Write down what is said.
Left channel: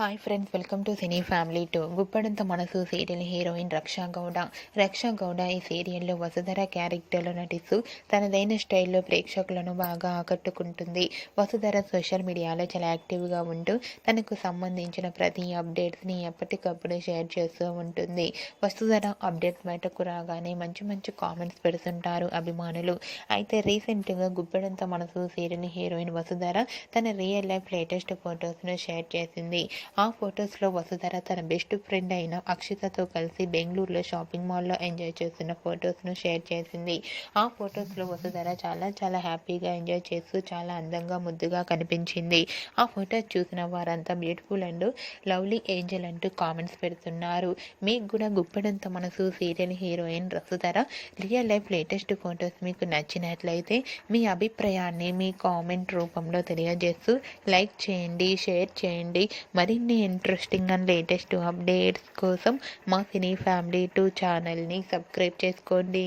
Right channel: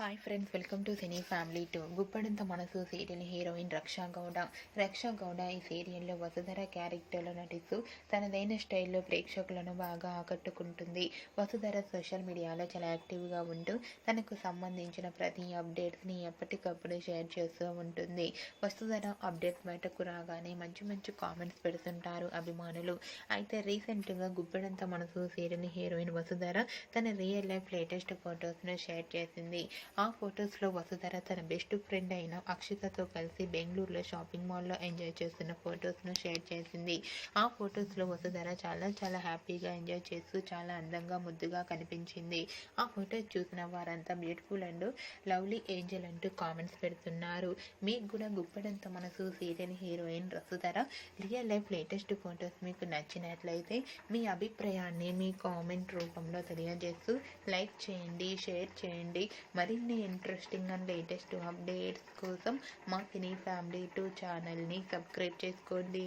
Hi friends, welcome to cine family two. Guppedantha Manasu serial heroine రక్షా గౌడ ఈ సీరియల్లో వసుధర క్యారెక్టర్లో నటిస్తూ తనదైన స్టైల్లో ప్రేక్షకులను బాగా ఆకట్టుకుంటుంది. వసుధర సోషల్ మీడియాలో చాలా యాక్టివ్గా ఉంటూ తనకు సంబంధించిన ప్రతి అప్డేట్స్ని ఎప్పటికప్పుడు షేర్ చేస్తూ ఉంటుంది. వసుధర అప్డేట్స్ బయటకు రాగానే మంచి మంచి కామెంట్స్ పెడుతుంటారు అభిమానులు. అయితే రీసెంట్గా గుప్పడంత మనసు సీరియల్ హీరోయిన్ వసుధర తన రియల్ లైఫ్ లేటెస్ట్ ఫొటోస్ను షేర్ చేసింది. ఆ ఫొటోస్లో వసుధర తన బెస్ట్ ఫ్రెండ్ అయిన అక్షితతో కలిసి బెంగళూరులో షాపింగ్ మాల్లో ఎంజాయ్ చేస్తున్న ఫొటోస్ను షేర్ చేసింది. ఆ ఫొటోస్లో వసుధర చాలా హ్యాపీగా ఎంజాయ్ చేస్తూ చాలా అందంగా ముద్దుగా కనిపించింది. ఆ ఫొటోస్ చూసిన వారంతా బ్యూటిఫుల్ అండ్ లవ్లీ ఏంజల్ అంటూ కామెంట్స్ పెడుతున్నారు. మీకు కూడా గుప్పెడంత మనసు serial heroine Vasudhara real life latest photos మీకు నచ్చినట్లయితే మీ అభిప్రాయాన్ని మీ కామెంట్ రూపంలో తెలియజేస్తూ లైక్ చేయండి, షేర్ చేయండి. మరిన్ని ఇంట్రెస్టింగ్ అండ్ లేటెస్ట్ అప్డేట్స్ కోసం మా సినీ ఫ్యామిలీ 2 ఛానల్ని సబ్స్క్రైబ్ చేసుకోండి.